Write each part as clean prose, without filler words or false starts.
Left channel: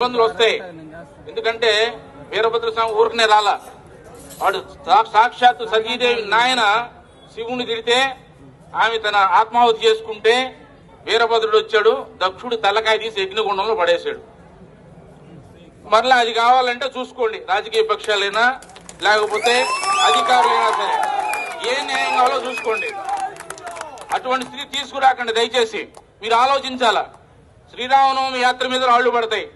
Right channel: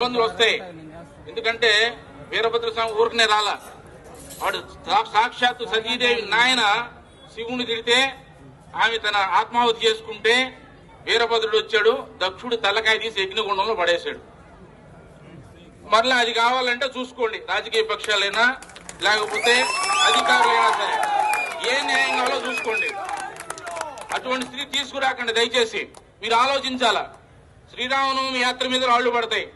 ఇబ్బందులు వస్తాయి. ఎందుకంటే వీరభద్ర స్వామి ఊరికనే రాలా, వాడు సాక్షాత్తు సతీదేవి నాయన శివుని తిడితే ఆమె తన ఆత్మాహుతి చేసుకుంటే వీరభద్రుడు వచ్చాడు, దక్షుడు తలకాయ తీసి యజ్ఞగుండంలో పడేశాడు. మరలా అది కావాలంటే చూసుకోండి, రాజకీయ పక్షాలైనా లేకపోతే అధికారులైనా సరే ఏ న్యాయం కావాలో చూసుకోండి. అటువంటి స్థితి తీసుకురాకండి దయచేసి. మీరు ఆలోచించాలా. శ్రీరామనవమి యాత్ర మీద రాళ్లు పడతాయి,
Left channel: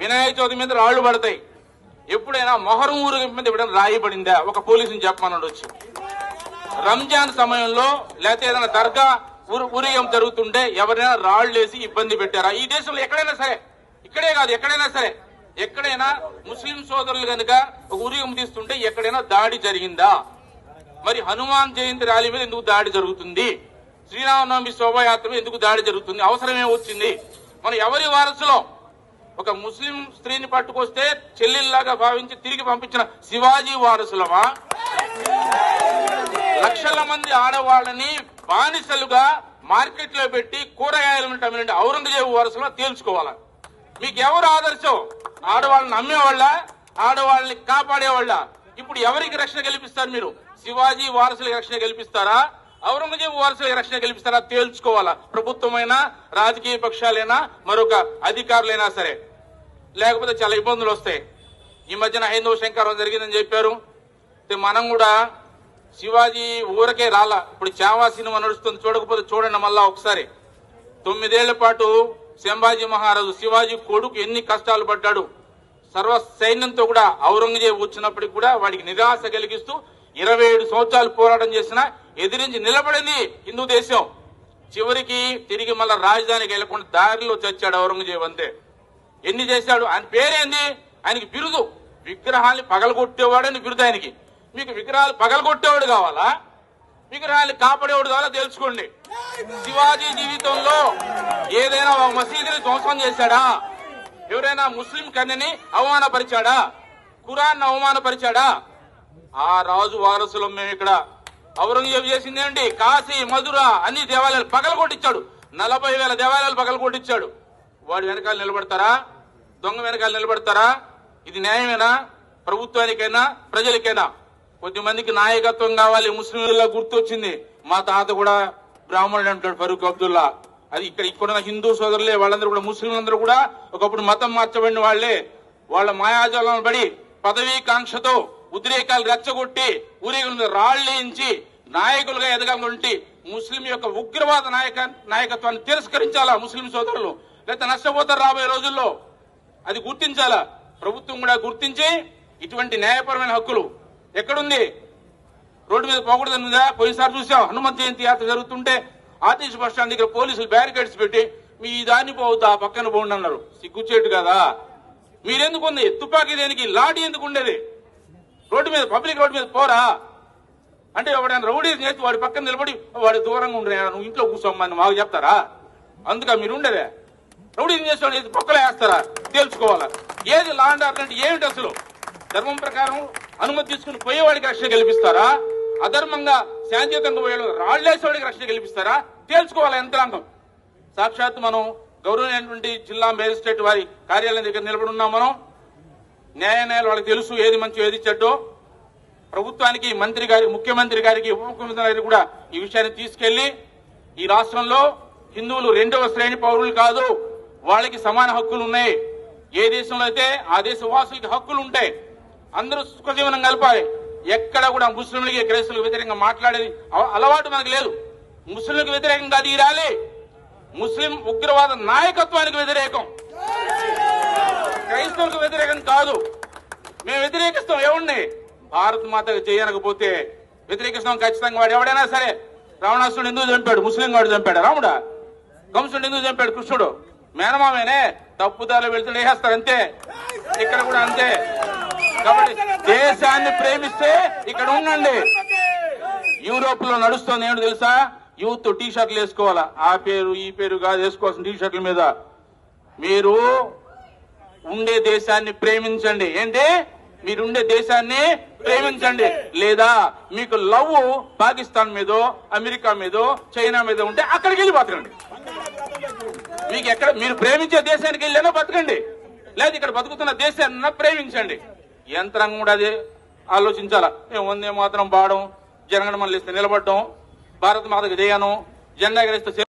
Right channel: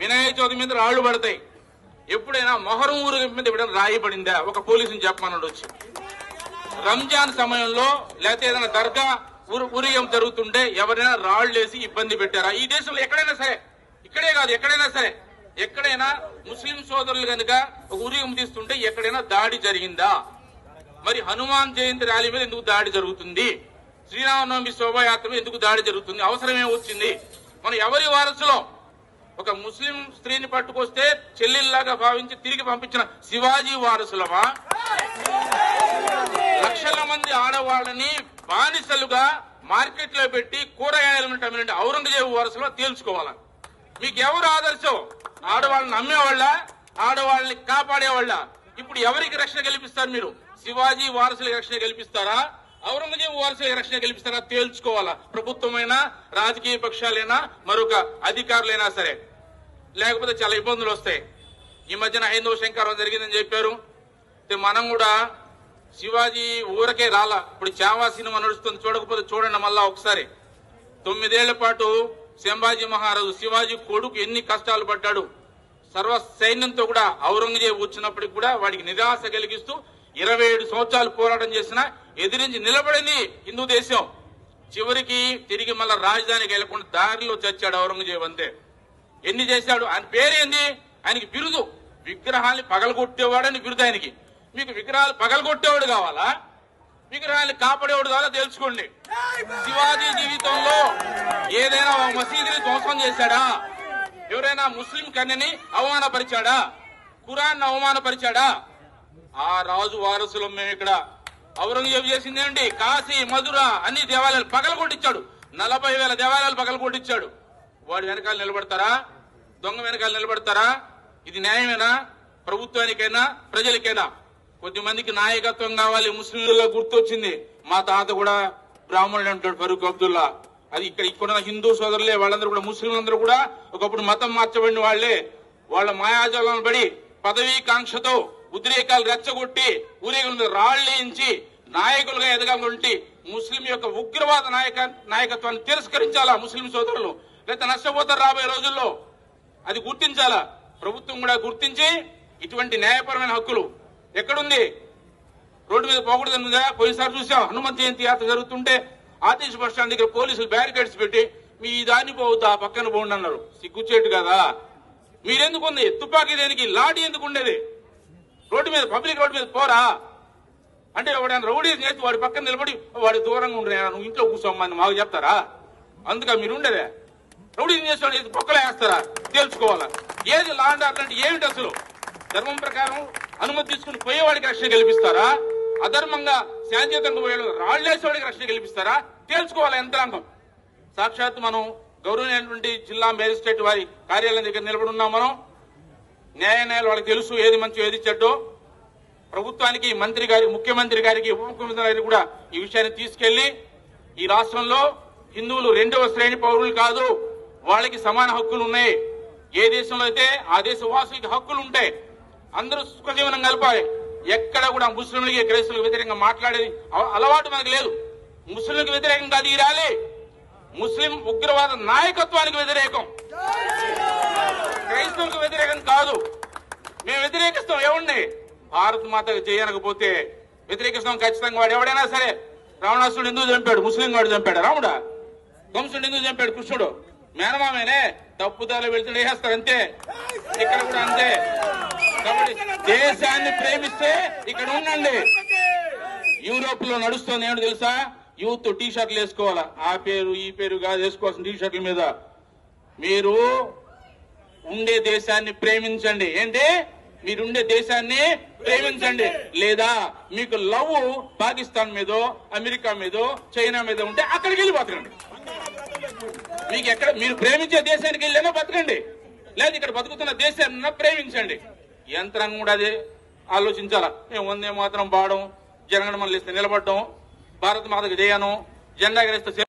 వినాయక చవితి మీద రాళ్లు పడతాయి. ఎప్పుడైనా మొహరం ఊరేగింపు మీద ఎప్పుడైనా రాయి పడిందా? ఒక పోలీసుని చెప్పమన్నాడు వచ్చి. రంజాన్ సమయంలో లేకపోతే ఏదైనా దర్గా ఊరేగింపు జరుగుతుంటే ఎవరైనా రాళ్లు వేసి ఇబ్బంది పెట్టారా? ఈ దేశంలో ఎక్కడైనా సరే, ఇక్కడే కాదు ఎక్కడైనా సరే, ఎక్కడైనా ముస్లిం సోదరులు కనుక ఒక ఊరేగింపు తీస్తుంటే ఎక్కడైనా దాడి జరిగిందా? మరి హనుమాన్ జయంతి ర్యాలీ మీద ఎందుకు దాడి జరుగుతుంది? శ్రీరామనవమి శోభాయాత్ర మీద ఎందుకు దాడి జరుగుతుంది? అవసరమే వచ్చింది? మనం ఎవరి వారసులో? ఒక ముస్లిం స్త్రీని పట్టుకొస్తే చెల్లెల్లాగా భావించి తిరిగి పంపించిన శివాజీ వారసులమా? లక్షల మంది ఆడవాళ్ళని బానిసలుగా మార్కెట్ లో పెట్టి కూరగాయలను అమ్మిన ఔరంగజేబు వారసులో తేల్చుకోవాలా? మీకు ఎవరు ఆదర్శం? ఆడవాళ్ళని నమ్మేవాళ్ళ, ఆడవాళ్ళని కాపాడేవాళ్ళ? ఇప్పుడు ఎవరికి రక్షణ కల్పిస్తారు? మీరు శివాజీ వారసులకు రక్షణ కల్పిస్తారా, ఔరంగజేబు వారసులకు రక్షణ కల్పిస్తారా? తేల్చుకోవాలా. ప్రభుత్వమైనా రాజకీయ పక్షాలైనా మరొక అధికారులైనా సరే, లేకపోతే చాలా ఇబ్బందులు వస్తాయి. ఈ మధ్యన హైందవ శంకరం జరిగిందని చెప్పారు. మనం కూడా శివాజీ ఊరకే రాలా. ఇప్పుడు చావా సినిమా నడుస్తుంది, చూడకపోతే చూడండి మళ్ళా ఒకసారి. 9 ఏళ్ల పాటు సంభాజీ మహారాజు శివాజీ కొడుకు ఎన్ని కష్టాలు పడ్డాడు. సర్వ సైన్యంతో కూడా ఔరంగజేబు వచ్చినప్పటికి కూడా వాడికి నిరాశ కలిగిస్తూ 27 సంవత్సరాలు పోరాటం చేసినా ఎదిరించి నిలబడింది హిందూ దేశం. చివరికి తిరిగి మళ్ళా రాజధానికి వెళ్లకుండా దారిలో చచ్చాడు ఔరంగజేబు. అంతే. ఎన్ని చేశాడు? ఆయన పేరేంది? ఆయనకి బిరుదు విగ్రహాన్ని పగలగొట్టేవాడని బిరుదు ఆయనకి. మీకు విగ్రహాలు పగలగొట్టేవాడు కావాలా, విగ్రహాన్ని కాపాడేవాడు కావాలా? తెలుసుకోండి. శివాజీ జీవితంలో ఏదైనా ఒక మసీదుని ధ్వంసం చేశాడా? ఎవరైనా ముస్లిం కన్యని అవమానపరిచాడా? ఖురాన్ అవమానపరిచాడా? ఆ రాజు వారసులం మేము. ఇక్కడ ఔరంగజేబు చేసిందేంటి? కాశీ, మధుర అన్ని దేవాలయాలు పగలగొట్టించాడు. 40,000 దేవాలయాలు పగలగొట్టించాడు. వాడి వెనకాల నిలబడతారా? దొంగ వెనకాల నిలబడతారా? ఇది న్యాయమేనా? ప్రభుత్వానికైనా ప్రజలకైనా? కొద్దిమందికి నాయకత్వం కావాలి. ముస్లింలలో గుర్తొచ్చింది, మా తాత కూడా బ్రాహ్మణుడు అంటాడు ఫరూక్ అబ్దుల్లా. అది ఇక్కడ హిందూ సోదరులే, వాళ్ళందరూ కూడా ముస్లింలందరూ కూడా ఒకప్పుడు మతం మార్చబడిన వాళ్లే. వాళ్ళ మాయాజాలను పడి పదవీ కాంక్షతో ఉద్రేకాలు రెచ్చగొట్టి ఊరేగింపు రాళ్లేయించి నాయకులుగా ఎదగాలంటే ముస్లిం యొక్క ఉగ్రవాద నాయకత్వాన్ని తిరస్కరించాలా ముస్లిం సోదరులు? లేకపోతే నష్టపోతారు రాబోయే రోజుల్లో. అది గుర్తించాలా. ప్రభుత్వం కూడా గుర్తించి ఇటువంటి న్యాయపరమైన హక్కులు ఎక్కడుంది? రోడ్డు మీద పోకూడదనుందా? పోయినసారి చూసాం, హనుమంత్ జయంతి యాత్ర జరుగుతుంటే ఆర్టీసీ బస్ స్టాండ్ దగ్గర పోలీసులు బ్యారికేడ్స్ పెట్టి మీ దాన్ని పోవద్దు, ఆ పక్కన పోండి అన్నారు. సిగ్గుచేటు కదా? మీరెందుకు ఉంది? తుపాకీ దేనికి? లాఠీ ఎందుకు ఉండేది? రోడ్డు మీద, పబ్లిక్ రోడ్డు మీద పోరా అంటే ఎవడైనా రౌడీ చేసి వాడి పక్కన నిలబడి వాడి దూరంగా ఉండరే, నువ్వు ఇంట్లో కూర్చోమని మాకు చెప్తారా? అందుక మీరు ఉండేదే. రౌడీ చేసేవాడు పక్కలో వేస్తారా? తేల్చుకోవాలా. ఏది లా అండ్ ఆర్డర్ అంటే ఏమిటి అసలు? ధర్మం ప్రకారం అనుమతి తీసుకుని పోయేవాడికి రక్షణ కల్పిస్తారా? అధర్మంగా శాంతియుతంగా పోయేవాడు రాళ్లేసేవాడికి రక్షణ కల్పిస్తారా? తేల్చుకోవాలా యంత్రాంగం. సాక్షాత్ మనం గౌరవమైనటువంటి జిల్లా మేజిస్ట్రేట్ వారి కార్యాలయం దగ్గర నిలబడి ఉన్నాం. మనం న్యాయాలయాలు వాళ్ళకి తెలుసు ఏది మంచి ఏది చెడ్డో. ప్రభుత్వానికి, మంత్రి గారి, ముఖ్యమంత్రి గారికి, ఉప ముఖ్యమంత్రి గారికి కూడా ఈ విషయాన్ని తీసుకెళ్లి ఈ రాష్ట్రంలో హిందువులు 2వ శ్రేణి పౌరులు కాదు, వాళ్ళకి సమాన హక్కులు ఉన్నాయి. ఏ దేశంలో అయితే ఆ దేశ వాసులకి హక్కులు ఉంటాయి. అందరూ సుఖజీవనం కలపాలి. ఎక్కడ కూడా ముస్లింలకి, క్రైస్తవులకు వ్యతిరేకంగా మాట్లాడేది అలవాటు మనకు లేదు. ముస్లింలకు వ్యతిరేకంగా అది ర్యాలీ ముస్లిం ఉగ్రవాద నాయకత్వానికి వ్యతిరేకం, క్రైస్తవులకు వ్యతిరేకం కాదు. మేము వ్యతిరేకిస్తాం ఎవరిని? భారత్ మాతకు చేయనకపోతే వ్యతిరేకిస్తాం ఖచ్చితంగా. వాడు ఎవడైనా సరే. రావణాసురుడు ఎందుకు చంపాడు? ముస్లిం వాడు చంపాడు. రాముడా? కంసుడు ఎందుకు చంపాడు? కృష్ణుడు మేనమామేనే. తప్పుదారులు వెళ్తుండే వేస్తారు అంతే. ఇక్కడ కూడా అంతే. కాబట్టి దేశాన్ని ప్రేమిస్తే ఇక్కడ ఉండండి. యూరోప్ లో నడుస్తుంది ఏంటో తెలుసా? యూత్ టీ షర్ట్లు వేసుకోవాలా. ఆ పేరు ఈ పేరు కాదు వేసుకోవాల్సిన టీ షర్ట్ల మీద. మీరు ఉండే దేశాన్ని ప్రేమించండి. ఏంటి? మీరుండే దేశాన్ని ప్రేమించండి. లేదా మీకు లవ్ పాకిస్తాన్ మీదో, అమెరికా మీదో, చైనా మీద ఉంటే అక్కడికి వెళ్ళి బతకండి. మీకు ఎక్కడ మీరు ప్రేమించే దేశానికి వెళ్ళినా బతకండి. లేదా ఇక్కడ బతుకుతున్న దేశాన్ని ప్రేమించండి. యంత్రాంగం కూడా అదే ఆలోచించాలా. మేము వందే మాత్రం పాడడం, జనగణమనలు ఇస్తే నిలబడడం, భారత మాతకు జయను, జెండా ఎగరేస్తే